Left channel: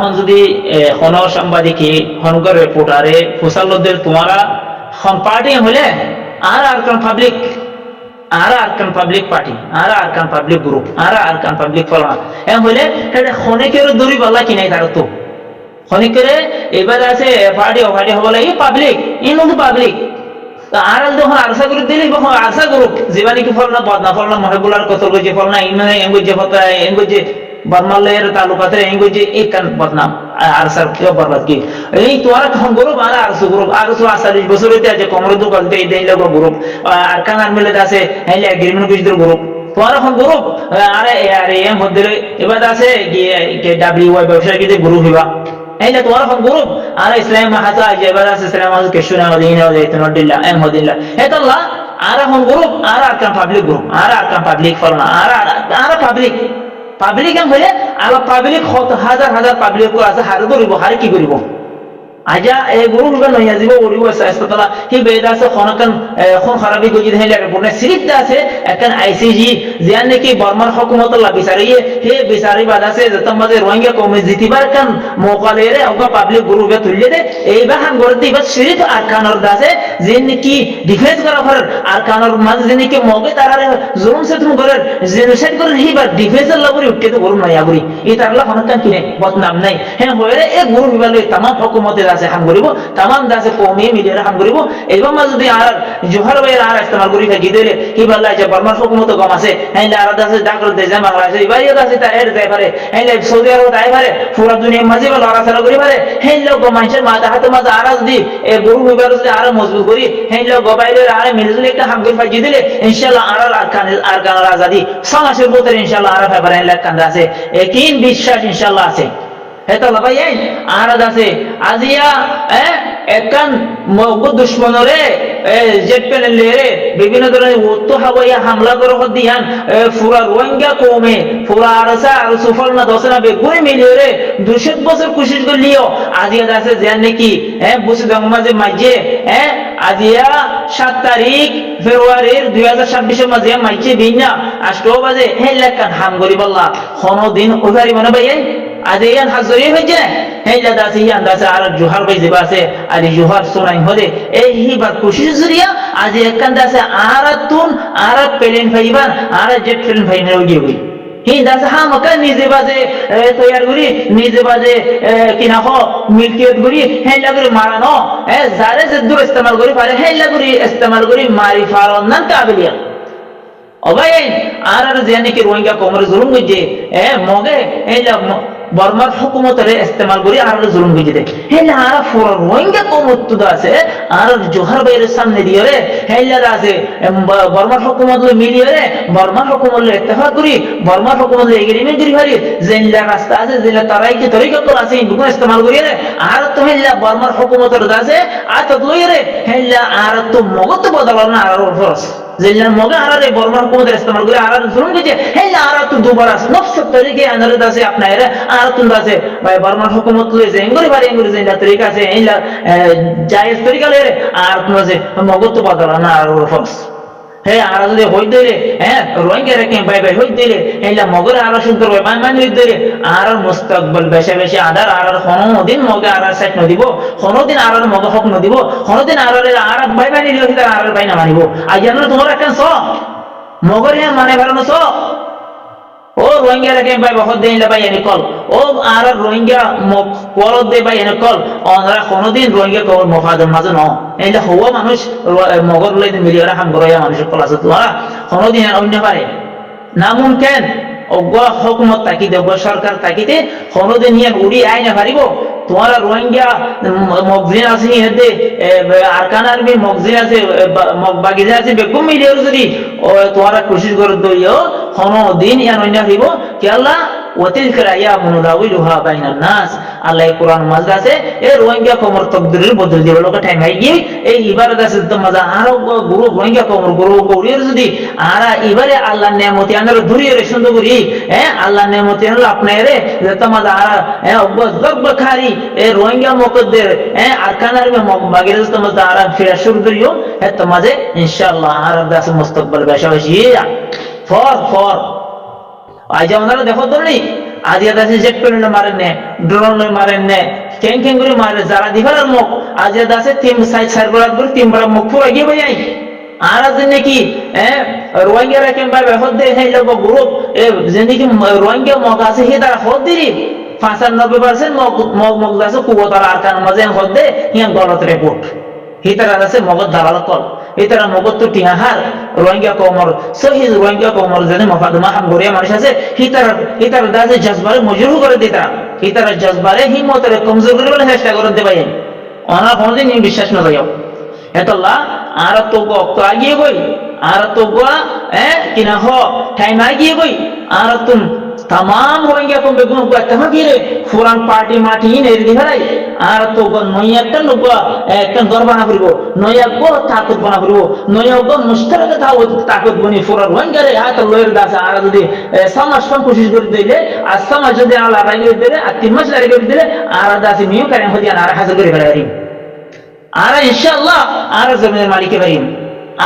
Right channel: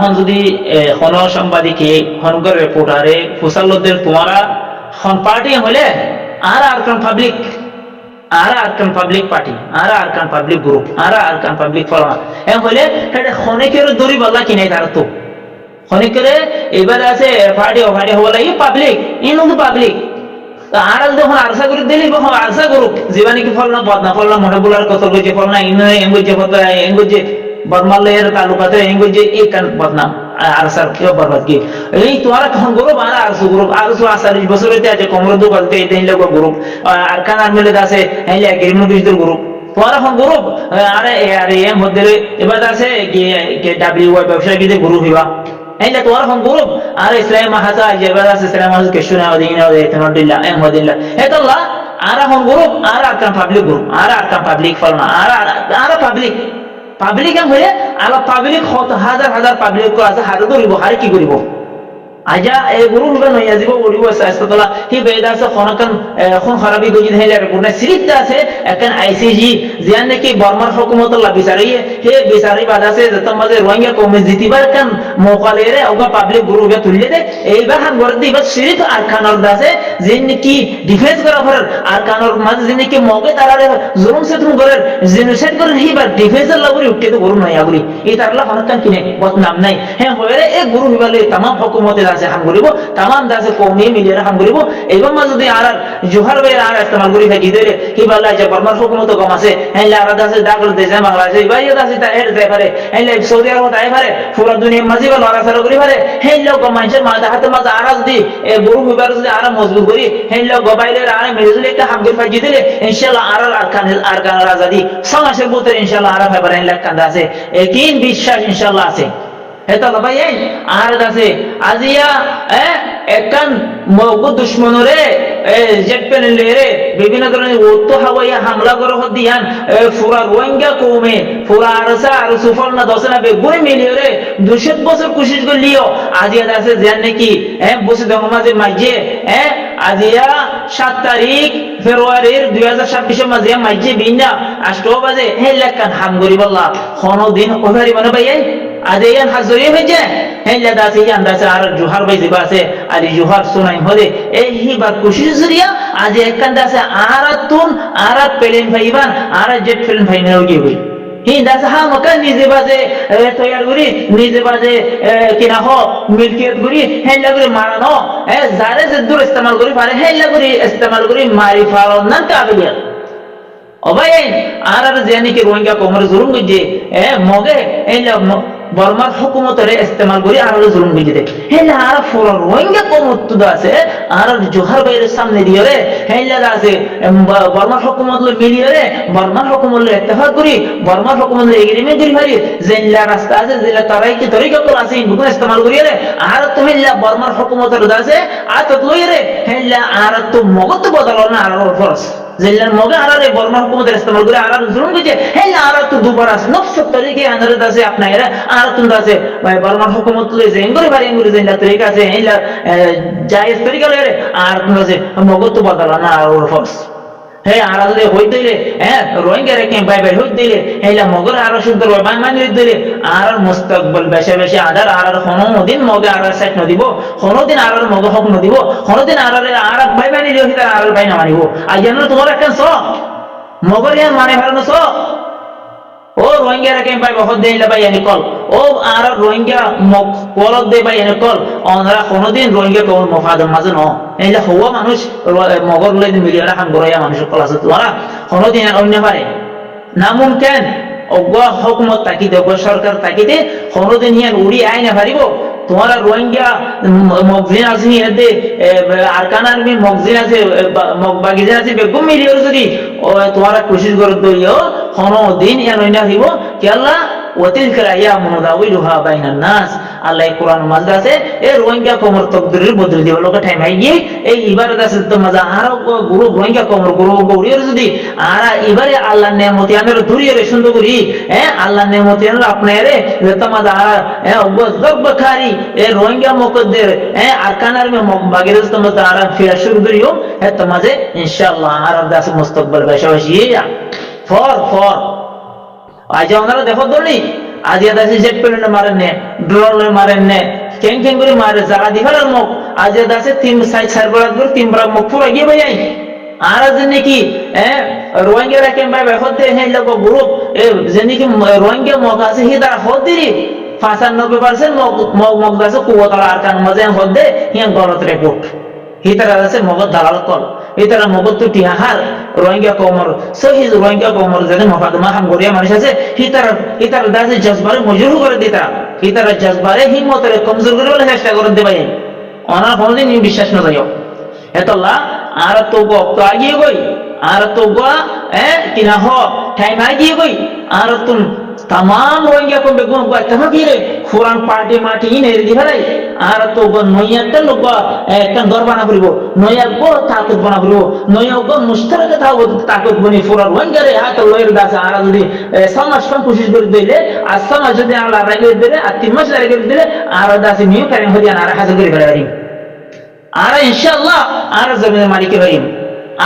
এখন যদি হন সাংবাদিকে হনগর রিপোর্টারে ফুসালদের তোমারা হন পার্টি হলে আর কোন পাবলিক আর পাবলিক পার্টি আর পাবলিক গ্রুপ আর পাবলিক ফলনা এম হলে সেটা খনিকের দূরি বললা কি নাই তার তো খনিকের এবার আছে পার্টি হবো লাগে পাবলিক ইন পাবলিক আর যখন আরসা গ্রুপ দিলি আরসা গ্রুপ জীবা নাকি ফল না বদনা ফল না মহেবুলার কতল গজে ফল না এঙ্গুজে ফতা এঙ্গুজে বর্মালয়ের তালুকাতে এঙ্গুজে একান বদনাম আরসার বরবাদ কি এই তোমার এখন গ্রুপ আর আরসু গ্রুপ আরসু 40 বছর হইতে আছে কোমর দোকালতে এই দিন লোক গ্রুপ আর কানার মিলে আছে হেলে এগ্রিমেন্ট বিজদের গ্রুপ তোমার এখন গ্রুপ আরে আরে এম হদ্দে এবার আছে ডাব্লিউআই ব্যবসায়ী কি গ্রুপ হইবা এইলা তোমার এখন গ্রুপ আর ইসলাম মাহাতা এবার আছে ইসলাম মাহাতা কেশুনা হদিনা হদিনা এম হদিনা হেতাল্লাহ আর এখন গ্রুপ আর পাবলিক গ্রুপ আর পাবলিক ফলনা আর পাবলিক এম হইলে আলা পাবলিক হাজার পাবলিক আছে হারে ধরিব হারে কি করিব আজা এই গরু হইবা নইয়া যাব ওড়িব আস্তাতলা হি বেদা আছে খনকান খন খারাপি গজি হেলে রিপোর্ট না সিরিজটা আছে একখান আইসিজি জিয়ান নাকি বর্মার হুকুমত লা বিচারিয়ে হে বিচারি বাদ আছে যত মাঝে রোহিঙ্গা কমে জিতিবার কান মোকালে রে ওগা পাবলিক গরু বে তুললে দে এইবার হাম গরে দিবা সিরিজ আর কানর দাসে জিন কি ডিফেন্স করা ফর আর কানর মাঝে জিন কি মগে তারারে জুলুম সে তুমি গরে জেনোসাইড করে হিবা ডিফেন্সের লাগরি উঠতে তো গরু নয়া গরি এই তারলা খনকান কিনে বদনাম নাই হে হয়রে এ গরু হিবালে तमाम হুকুমতে দাসে হাম করিব तमाम দাসে কমে মিলিয়ে হাম করিব এইবার মা যদি আর জোহার ভাইয়ের আর ইস্তেমাল করি থাকি দিলে কি বললা যে বর্মার হুকুমত কম আছে হেলে আর দাসে ডাকর দে যায় বাংলাদেশে ভাই দাসে তা এর যায় পারে হেলে সৌদি আরব তাই পারে পুরো দুনিয়া মাঝে বল আর সারা করি পারে হেলে লোক মানুষের মাথা হাতে মাঝে আর যদি এ গরু হইবার যদি আর মজবুত করি হেলে লোক গবাইলের আর মিলজুল একটা হাম করে ফাজি দিলে ইনশাআল্লাহ আর কানের আজাদি সমাজের ভিতরে ইনশাআল্লাহ আর ফাইবার হেলে কান্দা আছে একই বিশ্বাস ইনশাআল্লাহ আছে হেতাল্লাহ ভাই আর আছে আজিয়া একান মগদ দুশ্মনরে জেট প্লেন রে বিভিন্ন ধরনের ওতো হাওয়া হামলা করে দিয়ান পুরা রোহিঙ্গা কমে পুরা আরসা আর সুফল না দশনা বেগুনে মিলিয়ে রে 200 বছর কোশিশ করলিও আজিয়া আছে জান নাকি বসে দংমাজে মাঝে আজিয়া 7 তারিখ ফেব্রুয়ারির 2026 মাঝে মাঝে বিনা 8 বাজে হে লেখান হাম গরি বল্লা কোনো দিন ওভারি মানে ভাই আজ ইয়ান হাজরি হইছে হেলা দাসি ইয়ান দাসে আর জোহার ভাই জিবা আছে আলি জোহার সুনাই হদে এই হিবা কোশিশ জরিয়া আজ একখান দাসে আর প্লেন ভাইবান আর জেট প্লেন ভাই মেরে গিয়ে হই হি দাসে হা মকা নিজে বাজে তৈয়ার করি নিজে বাজে কিনা হ মিলকিয়ত করি হেলা করে মারানো যারে যে দূর ইস্তেমাল করি পারে হেলা করে ইস্তেমাল করি মারি ফারন না কাবিলিয়া অবাই আর জানি কি রোহিঙ্গা কোমরে জুলুম গজে মগে হেলা বর্মার হুকুমতরে ইস্তেমাল করি আর জুলুম গজে দে হেলা আর পুরো রোহিঙ্গা কোমত তো আছে আর জোহার বাইরের সামনে দিয়ে রে হেলা আছে বর্মার হুকুমত লই মিলিয়ে রে বর্মার হুকুমত লই ইত্তেফাক করি বর্মার হুকুমত লই এগ্রিমেন্ট করি ভারি জেনলা রাস্তা আছে জেলা তারাই কি তরিকা কল আছে বুকুন ইস্তেমাল করি রে আর তো হেলা বর্মার হুকুমতর দাসে আর তো লই রে হেলা আর তো মগত বদলাল না আর ফরস জেলার মগে আরারে বর্মার হুকুমতের ইস্তেমাল করে আর জুলুম গজে হেলা আর তো দুবার নফস তরিকে আনারে দাসে আপনারা আর তুন দাসে ভাই বর্মার হুকুমত লই জেঙ্গরি ভারি এঙ্গুরি জেলা তরিকা আছে হেলা জায়েজ তরিকা লই রে আর তুন দাসে মগত বদলাল না আর ফরস হে আর যদি হই দিলে রোহিঙ্গা রেখে বাই হই দিলে হেলা মগর আর সুন্দর হয় মান হই দিলে আর মুস্তাকবাল বেশি আদার আর কোনদিন মগে আর সেট ন দিব কোনদিন আর মগে হক ন দিব কোনদিন আর বাই নিলে হিতার আর বাই না মানিব আজ জানো তোমার একখান স মগর মানে ভরানো স ও রোহিঙ্গা রেখে বাই বহুত দিন বাই এনে কল ও আর রোহিঙ্গা কল দে বাই এনে কল ওনারা কোনদিন রোহিঙ্গা কল মফাদ মাঝে ন এইলা হওয়া মানুষ মগর লই মিলিয়ে হাম গরয়া মানুষের কল আছে তোমরা কোনদিন অন্য পারে না মুমকিন অজ্ঞ হুকুমত তাকিতে অজ্ঞ সরকার তাকিতে কোনদিন ইয়ান উড়ি আই না পারিব তোমার রোহিঙ্গা মগজিন আছে এতে আরকান আর্মি মগজিন আছে মগবাগিজিন আছে বেগম মিলিয়ে যদি তোমার কোশিশ করে দইও কোনদিন ইয়ান অন্য হইব কি আল্লাহ ওয়াতিলকা আয়ামুন দাউলুহা বাইনান নাস আল্লাহ কোরআন মাঝে আছে এই রোহিঙ্গা কোমর তকদিরের বদল দিবে লোক টাইম আইয়ে এই ইবারত আছে তো মজা আর গুরু রোহিঙ্গা কোমর গুরু গৌরির যদি আর ইবারে আল্লাহর নেয়ামতি আনার দূরিয়ে রে সুন্দর করি আল্লাহর নেয়ামতি আনার আপনারে যত মজা আর গর্বখারি এই রোহিঙ্গা মুকদ্দের আরকানার মে বাগিরে তো মজা আর ফিরা শুরু করিও এত মাঝে ইনশাআল্লাহ আর দাস মুস্তাকবাল বেশি ফর আজ ওনারা দেখো ধরনি আজিয়া দাসে জেট প্লেন মারেন নে, ড্রোন লয় মারেন নে, কেং কেং করে মারে যারা দিফালার মুখ আজিয়া দাসে তিন সাইড সারবরাত করে তিন বড় মুখ পুরা গিয়ে ভাই আর আজ নাকি রোহিঙ্গা রেখেন ভাই হদ দে হে লোক গ্রুপ যে নাকি রোহিঙ্গা মগ আছে হি তারা হদ দিরি 95% মগ দাসে কুয়াতার আরকান মাঝে হদ দে হিয়া গলত রিপোর্ট হি তারা আছে মগত দালাল কল ইতারা মগত তো টিয়াহার রোহিঙ্গা কমর সহি রোহিঙ্গা কমর যদি মফাদমা হাম গরিয়া মানুষ আছে হিতারা দাসে জজবারে মজরুহ করে দিতা হিতারা জজবারে হিম্মতরে কমজোর করে বলে চেষ্টা করে দে ভাই অনার কোনদিন বিশ্বাস না যাও এতলা আর তো তো আগিয়ে গই আর তো কিনা হ টাইম আগিয়ে গই আর তুম तमाम रोहिंग्या को बेगुन को तमा गिरे फुरान पार्टी माटी नेरी दिहराई আর তো নইয়াটা লোক একটা দর বানা করিব নইয়াগো তাকত বানা করিব নইয়াগো মুশতারাকে তাকত বনি ফুরা রোহিঙ্গারে হাত লয়ের দাস আর যদি সমাজ ফন কোশিশ করে দিলে আর সমাজ যদি আল্লাহ রাগে দিলে আর তিন মাস লাগে দিলে আর দাস মিউ করে হদিয়ান আর হাসিল করে ফেলারি আর ইনশাআল্লাহ আর জমিনের মালিক হরিম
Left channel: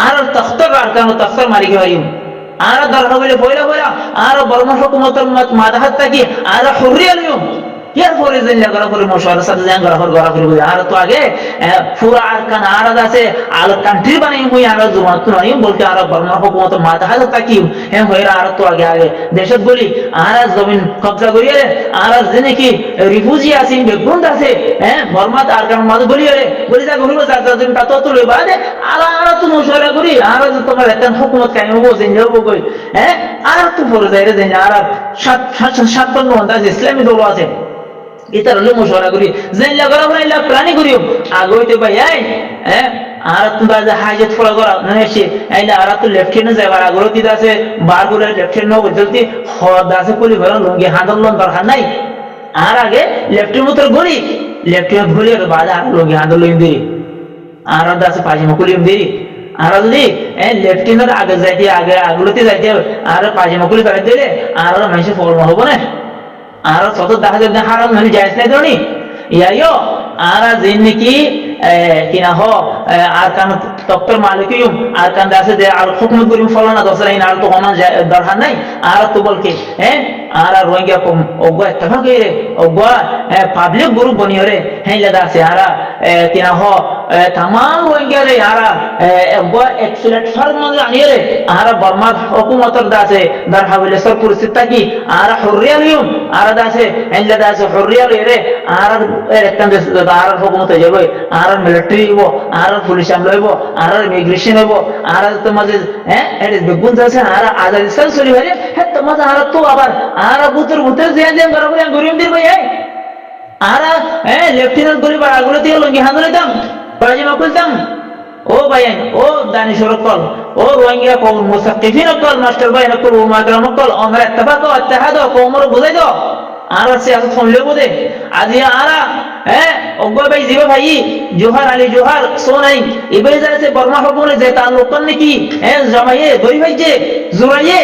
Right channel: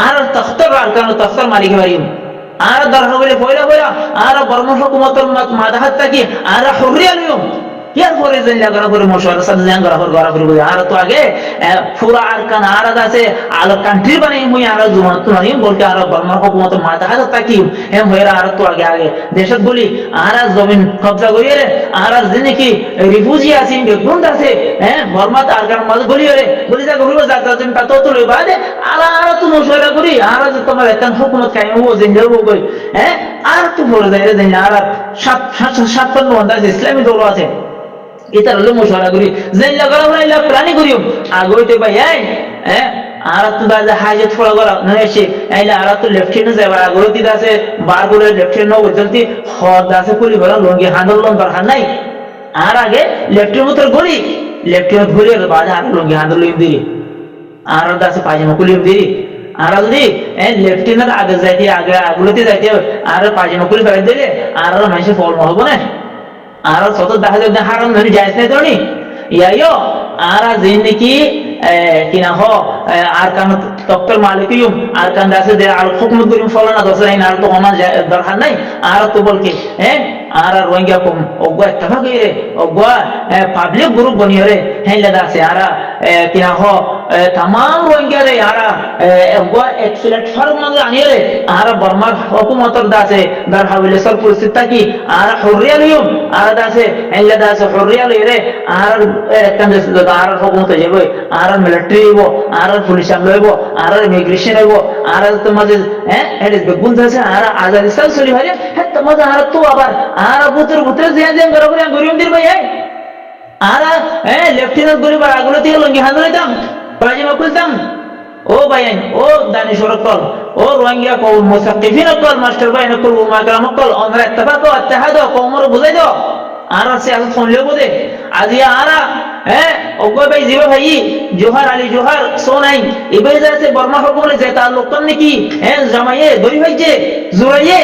আর তখতর আরকান তখতর মালিক হরিম আর দরহা বলে পয়লা পয়লা আর বর্মা হুকুমতের মাদাহাত থাকি আর হুরিয়া লিও ইয়ার পরে যেন লাগা করে মশওয়ারা সাথে জান গরা করে আর তো আগে পুরা আরকান আর আছে আল কান্ট্রি বানাই হই আর জমাত নয় বলতে আর বর্মা হুকুমতের মাদাহাত থাকি হ্যাঁ হইরা আর তো আগে দেশত বলি আর জমিন কবজা করিয়ে রে আর যে নাকি রিফিউজি আছে বেগুন্ড আছে বর্মাত আরকান মাঝে বলি রে বলি যা ঘুরবো যা জমিন তা তো লই বাদে আর তো মশওয়ারা করি আর তোমার একটা হুকুমত কায়েম হবো যেন যাবো কই আর তো পরে যাই রে যেন আর 57 ঘন্টা ইসলামী দল আছে ইতার হলো মশওয়ারা করি যেন লাগা বলে ইলা প্ল্যানিং করিও আগে হইতে ভাই আর তো দাদা হাজত ফলো করা না এসে আইলা আর তো লেফট হ্যান্ড যাবার আগ্রহ দিতে আছে বার করে লেফট হ্যান্ড নগর চলতি হদ আছে পুলি ভরা লঙ্গি হাঁদলন দরকার নাই আর আগে লেফটের মতো গলি লেফট হ্যান্ড গলি আর বাদ আর লঙ্গি হাঁদলন দিরি আর দাসে পাজামা কুলিম দিরি আর যদি লেফট হ্যান্ড আগে যাইতে আগে আগুলোতে যাইতে আর পাজামা কুলি ফেলে দিলে আর মানুষে ফল হবো না আর শত দেখা যাবে হারাম আমি যাইস নাই ধরনি ইয়াইও আর যেন নাকি কিনা হ আর কান তক্তর মালিকিয়ুম আর কান দাসে দে আল হুকুমত করিম ফলানা দসরা ইন আর তো হমান দরকার নাই আর তো বলকে আর রোহিঙ্গা কম ওগা ইত্তেফাক রে ওগা পাবলিক গ্রুপ বনি রে হেইলা দাসে আর কিনা হ तमाम रोहिंग्या रे यारा ओगा एक प्लेटफॉर्म में आनिए रे आरा बर्मा हुकूमतर दासे दर हवेले सर परिस्थिति की आरा हुर्रिया लियुम आरा दासे एल्ला दासे हुर्रिया रे आरा एकन देश आरा हुकूमत जाबो आरा मिलिटारी हबो आरा पुलिस लइबो आरा इमिग्रेशन हबो आरा तमाजे एडिस बेगुन दासे आरा आजादी सल सली हरे हे तमाजे आरा तो आबार आरा बुतर जिया गरबरे गरियम दिर भाई आरा लेफ्टिनेंट गोली বার আগুলো থেকে লঙ্গি হাঁদলে দাম পাজামা খুলতাম ও ভাইয়ান ও দানিশর কল ও রোহিঙ্গা কওম মুসাক্কিফিন কল মাস্টার ভাই নকল ও মাকরাম কল আমরা ইত্তেফাক ও ইত্তেহাদ কওমর বুঝাই দাও আর সিয়াসত শুনলে বোদে আজিয়া আরা ওগো ভাই জিবা ভাই জোহার আলী জোহার সোনাই ইবাই যাতে বর্মা হুকুমলে যে তাল্লুক কর নাকি জামাইয়ে দই ভাই যে জুরাইয়ে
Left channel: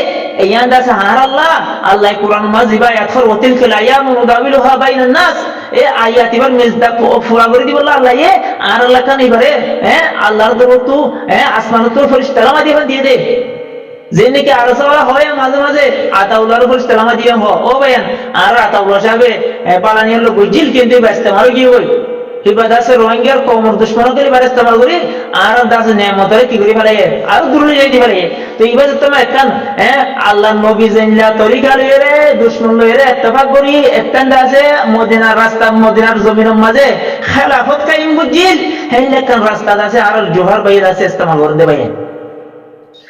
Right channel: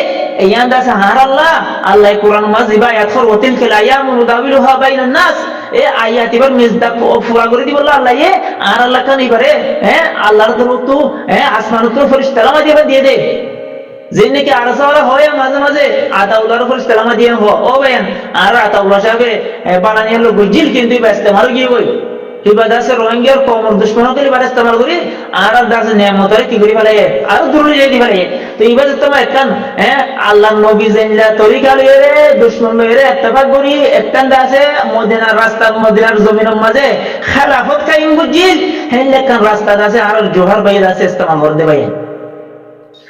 ইয়ান দাসে হার আল্লাহ আল্লাহ কুরআন মাজিবা ইয়াতফর ওয়াতিল কালায়াম নুদাবিলুহা বাইনান নাস আয়াত এবার মিজদাক ফুরা করে দিব আল্লাহ আর আল্লাহ কান এবারে আল্লাহর দরতো আসমানত ফেরেশতারা মাঝে দিয়ে দে যে নাকি আরসাওয়ালা হয় মাঝে মাঝে আতাউল্লাহর ফেরেশতারা মাঝে ও ভাইয়ান আর আতাউল্লাহ সাহেব বালানিয়ার লোক বুঝিল কিন্তু ইস্তেমাল গিয়ে হই কিবা দাসে রোহিঙ্গার কওমর দুশমনকে লিবার ইস্তেমাল করি আর দাসে নেমতরে কি করি ফেলে আর দূরে যাই দি ফেলে তো ইবা তোমা একখান আল্লাহর নবী জানলা তরিকা লইরে রে দুশমন লইরে ইত্তেফাক করি একখান দাসে মদিনার রাস্তা মদিনার জমিনের মাঝে খেলাফত কায়েম বুঝিল হেলকান রাস্তা দাসে আর জোহর ভাই দাসে ইস্তেমাল করে দে ভাই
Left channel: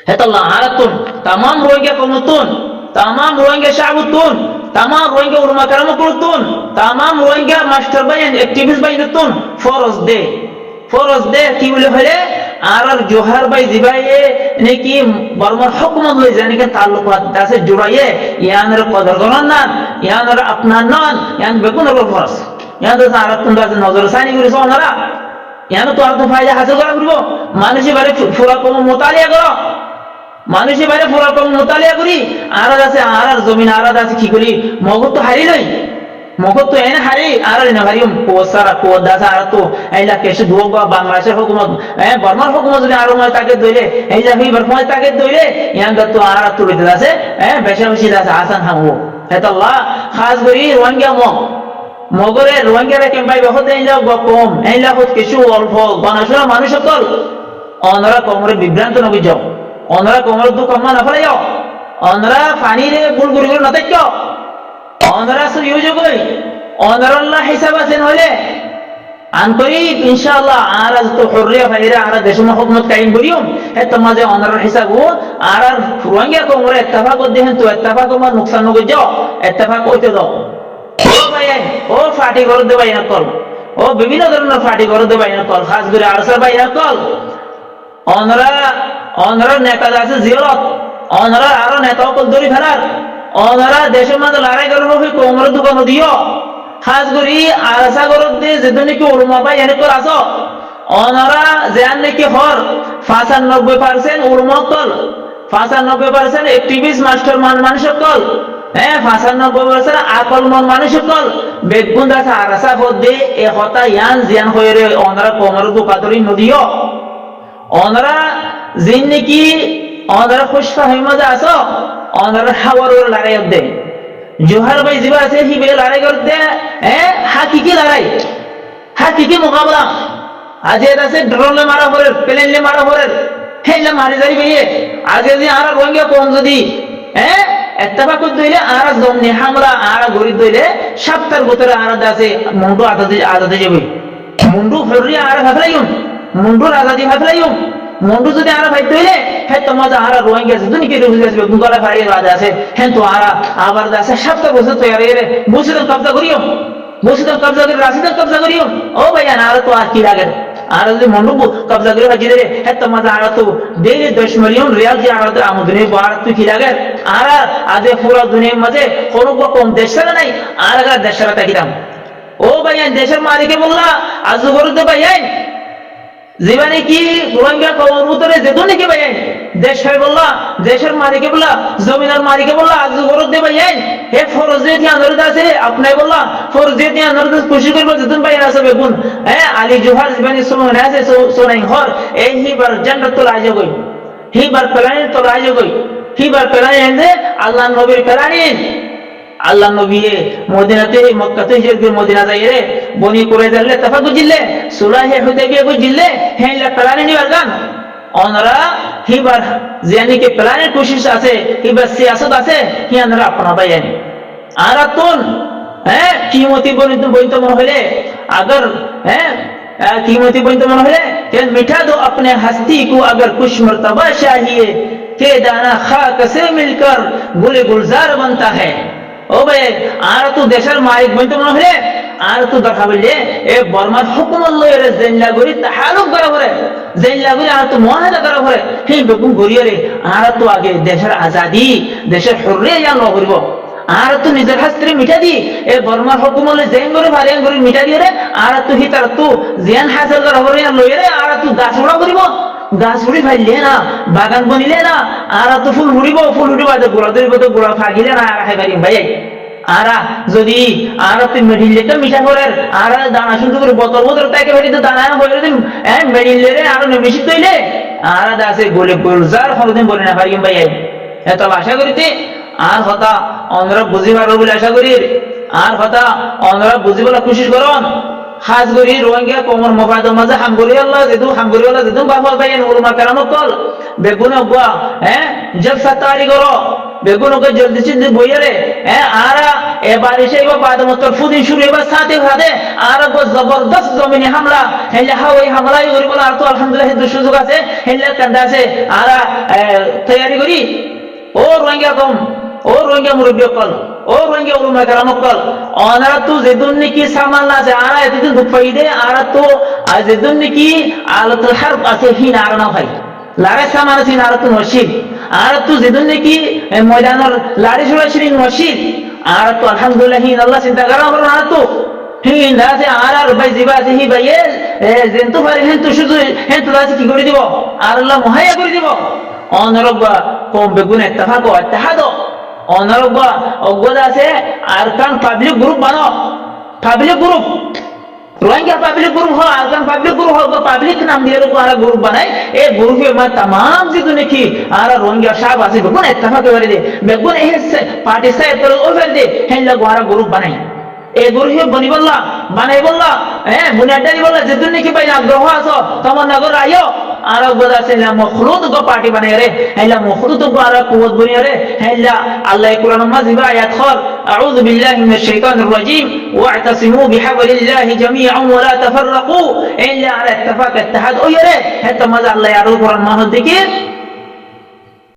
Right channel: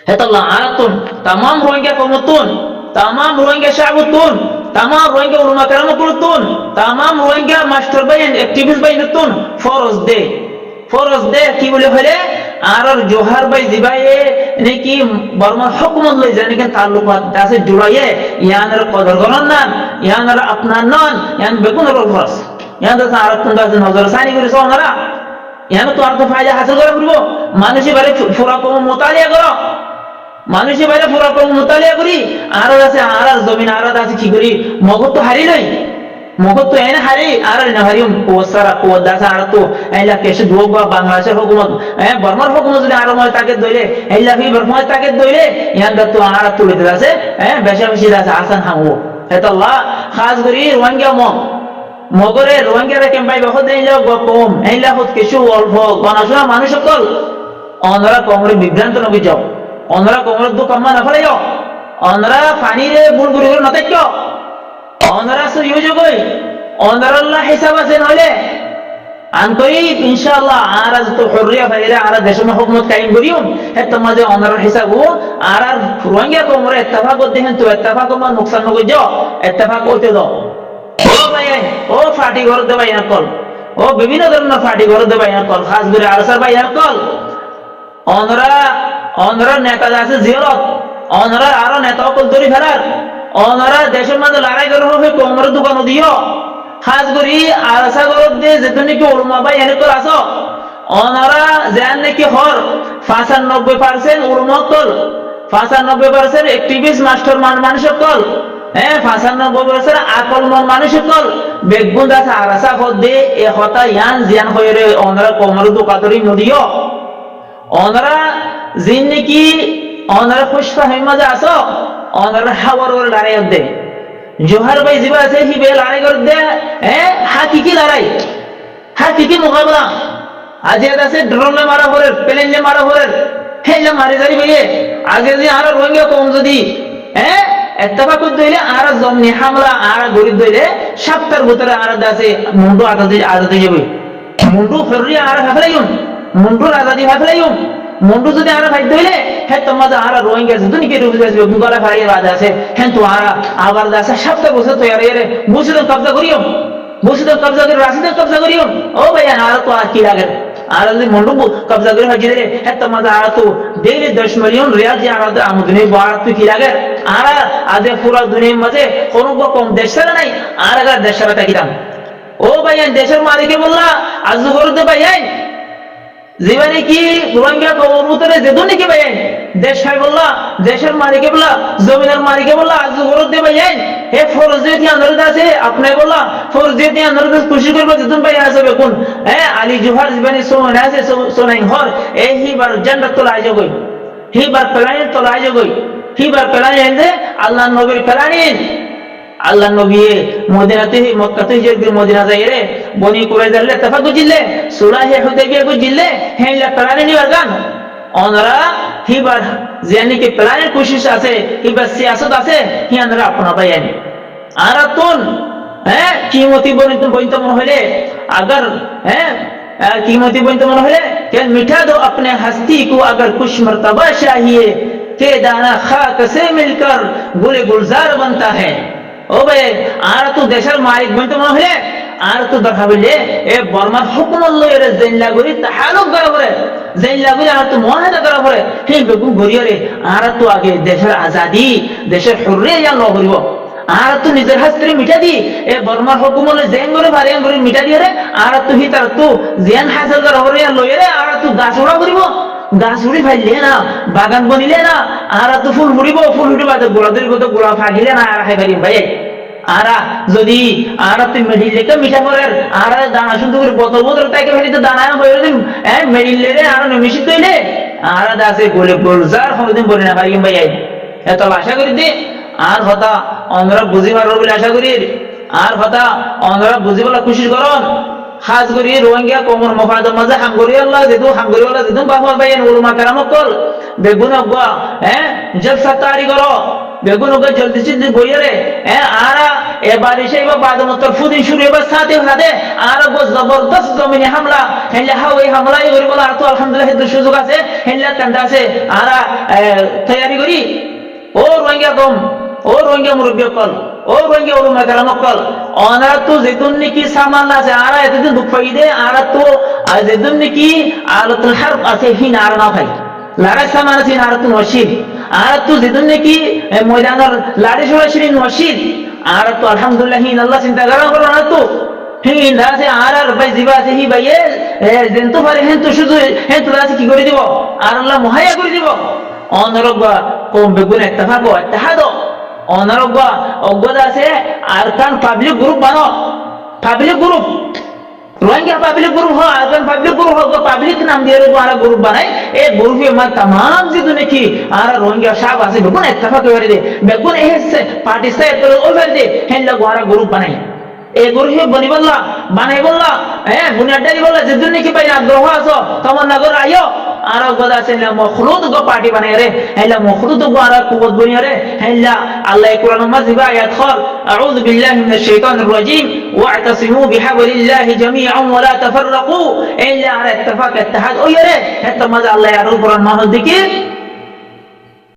হেতাল্লাহ আরাতুন तमाम रोहिंग्या কওমতুন तमाम रोहिंग्या শাবতুন तमाम रोहिंग्या उलमा کرامকুলতুন तमाम रोहिंग्या মাস্টার বাইন অ্যাক্টিভিস্ট বাইনতুন ফরজ দে কি বলে হলে আর জোহার ভাই জিবায়ে নাকি বর্মার হুকুমত লই জানি কেন তাল্লুকাত আছে জুড়াইয়ে ইয়ানের কদর গণন না ইয়ানের আপনার নন ইয়ান বেগুনের ফরজ ইয়ান তো আরাতুন দাস নজর সানি করে সোনারা ইয়ান তো আর তো ফায়দা হাসিল করা করব মানুষই বারে ফুরা কম মুতালিয়া করো মানুষের বাইরে পুরা কম মুতালিয়া করি আর আছে আর জমিন আর আছে কি করি মগত তো হারি লই মগত তো এনে হারি আর না হারিম কোসারা কোদাসা আর তো আইলা কেসে দুবা বাংলাদেশের হুকুমত বর্মার হুকুমত যদি আর ময় তাকে দইলে আইলা হি বর্মায় তাকে দইলে ইয়ান তো আর তুলিতে আছে বেশা বেশি আছে হাসান হামু হেতাল্লাহ খাস করি রোহিঙ্গা মগরে রোহিঙ্গারা কেম্পাই বহুত এইলা কম এইলা হত কিছু অল্প গণাশোনা মানুষ সকল অনরা কমরে বিভ্রান্ত নবী যাও অনরা কমরে দু কম্মা না ফেলাই অনরা পানিরে বুল গুড়ি গুড়ি নতাক্য অনরা সুযোগই অনরাল্লাহ হিসাব আছে নইলে আনকরি ইনশাআল্লাহ আর আজ তো হরিয়া ভাইরা আর দেশের হুকুমত কায়েম করিও হে তোমাজে অনরার হিসাব আর রোহিঙ্গা কমরে ইত্তেফাক দেহেন তো ইত্তেফাক মা নুকসান নগই যাও ইত্তেফাক হইতে দাও ও ভাই ও ফাটি ঘর দে ভাই কল ও বিভিন্ন ধরনের ফাটি ঘর দে ভাই কল খাস করে আরসার ভাই কল অনরা নেতা আছে জিয়ারত অনরা আরো নেতা কল দরি ফেলার অনরা দেশের মধ্যে লড়াই করে হবে কোমরে দোকান দিও খাস করি আরসা ঘরত দে যেদিন নাকি উলমা ভাই এনে কল আছো অনরা যেন নাকি হর 95% উলমা কল 95% অ্যাক্টিভিস্ট মাস্টার মানুষ কল হ্যাঁ 95% আকল মন মানুষ কল বেগুন দাসা আরসা ফদে এ হতা ইয়ান জিয়ান হয়ে অনরা কোমরে দোকাতরি নদিও অনরা জিন নাকি অনরা খুশফা হিমাজা আছো অনরা হাওয়ার ওর লড়াই দে জোহার ভাই জিবা আছে হিবে লড়াই করে দে হ্যাঁ হাকিকি মোকাবলা আজ আছে ড্রোনলে মারা পরে প্লেনলে মারা পরে হেলে মারি জারি ভাইয়ে আগে যে আর রোহিঙ্গা কম যদি হ্যাঁ ইত্তেফাক দইলে আর জমনি হামলা আর গরিব দইলে সপ্তাহের ভিতরে আর আছে মুন্ডু আজাদি যাবে মুন্ডু হরিয়া আর হাফলাইম মুন্ডুর আজাদি হাফলাইম মুন্ডু যদি আর ফাইতে হইলে হে তোমাজে আর রোহিঙ্গা যদি কি রুবি আসবে গুঙ্গলা ফাইয়ে বাজে আছে হেন তো আর আবার আছে সপ্তাহ বছর তো আর এর বুঝিদম কবজা করিও বুঝিদম কবজা করে রাশিদম কবজা করিও ও ভাইয়া আর তো আর কি লাগে আর যদি মুন্ডু কবজা করে হাজি দে হে তোমাজে আর তো ডেইলি 10 মিলিয়ন রিয়াল যে আর আমদানি বাড় তো কি লাগে আর আদে পুরো দুনিয়ার মাঝে কোনো কম দেশের নাই আর আগা দেশের তাকিতাম ও ভাইয়া দেশের মালিকে বললা আজ করতে ভাইয়া জীবনে কি রোহিঙ্গা কবরতরে যেদুন নাকি ভাইয়াই দেশ ভাই বললা দেশের মালিকে বললা জমিদার মালিকে বললা আজ গরত দে ভাইয়াই হে ফরজিয়তি আনরদ আছে আপনি বললা ফরজিয়তি আনরদ খুশি করবে যেদুন ভাই আছে বেগুন হ্যাঁ আলী জোহার জীবনে সোনা আছে সোনাই হর এই হিবার জান্নাত তো লাজে গই হিবার প্লানেট তো লাজে গই হিবার প্লানেট দে আল্লাহ নবীর প্লানেট আল্লাহ নবী মদিনাতে মক্কাতে যে মদিনা যায় রে বনি কুরাইজালে তফাক জিল্লে সুলাহে হুদাইবিয়া গো জিল্লে হেলা প্লানে নিবার গান অনরা হিবার জানি কে প্লানের কোশিশ আছে হিবার সিয়াসত আছে হি আনরা আপনা বাইন আরাতুন হ্যাঁ কিমতি বনিত মন হইলে अगर হ্যাঁ कीमती बनित मन হইলে কেন মিঠা দো अपने हस्ती को अगर कुछ मर्तबा चाहिए के दाना खाक से मिलकर गुले गुलजार बनता है ও ভাই আর তো দেশের মালিক বলতে মনে হলে আর তো দেখা হইলে এ বর্মার হুকুমত লইরে জেনলা গরি তাহালুক করা পরে জেনলা গরি আর তো মুআহাদা করা পরে হে বেগুন গরিয়রে আর তো আগে দেশের আজাদি দেশের হুররিয়া জান ল করিব আর তো নিজের হাস্ত্রে মিটা দি এ বর্মার হুকুমত জেন গরি ভারিয়ান গরি মিটা দিয়ে রে আর তো হিতার তো জিয়ান হাসিল করা পরে লইরে আর তো গাছ উড়া করিব গাছ উড়ি ফাইলে না বাগান বনিলে না আর তো ফুল উড়িব ফুল উড়িবা গোড়া ধরিব তো গোড়া ফাগিলে না আর খাই পারিম ভাই আরা যদি আর তুই মেডিলে তো মিঠা করে আর দানা শুনতে করে বোতল বোতল তাকে ভেটিতে দানা হয়ে দিন হ্যাঁ মেডিলে রে আর মিশিত তৈলে আর দাসে গোলে গোলজার হরদিন বলে না পারিম ভাই এত আশা করি দে আর হতা অন্যরা বুঝি পারবো বলে আশা করি আর হতা অন্যরা বুঝি বলে খুশি করন খাস করি রোহিঙ্গা কোমর মফাদম মাঝে হামগরি আল্লাহ যেদু বাফর ভাইয়ান উলমা কেরামত কল বেগুন অগুয়া হ্যাঁ জলসা তারি করো বেগুন ওকে জলদি চিন্তি বইয়ারে হ্যাঁ আরা এবার এসে এবার বাদমতর ফুদিন শুরু এবার সাথে সাথে আর গো জবরদস্ত জমিনে হামলা হেলে হাওয়াই হামলা করি বলে আর তো আলহামদুলিল্লাহ হিন্দু সুযোগ আছে হেলে কান্দা আছে আরা তৈয়ারি করি ও রোহিঙ্গা কম ও রোহিঙ্গা মুরব্বী কল ও রোহিঙ্গা উলমা কেরামত কল অনারা তো যেদুন নাকি সামাল আছে আরা এতদিন দুঃখ পাই দে আর তো যেদুন নাকি আলাতুল হারব আছে হিন আর না ভাই লারে সামান আছে আর তো ওয়াসিল আর তো যেদুন নাকি ময়দানের লাড়ি সরাসরি ওয়াসিল আর তো আলহামদুলিল্লাহ হিন আল্লাহ চিন্তা করা করো না তো হিন আছে আর ভাই জিবা আছে হি ভাই যেন তো পারে হেন তো শুধু হেন তো আছে কি করে দিব আর আল্লাহ মুহাইয়া করে দিব অনরবা কম বেগুন ইত্তেফাক ও ইত্তেহাদ অনরবা অজ্ঞতা আছে আরকান পাবলিক গ্রুপ বানো public group Rohingya public group হয় আর পাবলিক গ্রুপ হোক পাবলিক নাম দিয়ে আর গ্রুপ বানাই এই গ্রুপে মানে तमाम যেদু নাকি আর রোহিঙ্গা সাহেব আছে বেগুন ইত্তেফাক করে দে বেগুন এই পার্টি সাহেব তো ওভার দে হেল্লা গোয়ারা গ্রুপ বানাই এই গ্রুপে বনি বললা বানাই বললা বুনিয়াদি বললা যেদু নাকি ভাই আগ্রহ আছো তোমার নগর আইও আর গোদা সেলা মখলুদ গো পার্টি বানাই রে হেল্লা মখলুদ গো আর কুওয়াত বনি রে হেল্লা আল্লাহ কুরআন মাজিবা আয়াত খল আউযু বিল্লাহি মিনাশ শাইতানির রাজিম ওয়া'তাসিমু বিহাবলিল্লাহি জামিআন ওয়া লা তাফাররাকু ইল্লা আর ইত্তেফাক ইত্তেহাদ ওই রে হেত মাজ আল্লাহ আর কুরআন মাহল দিকে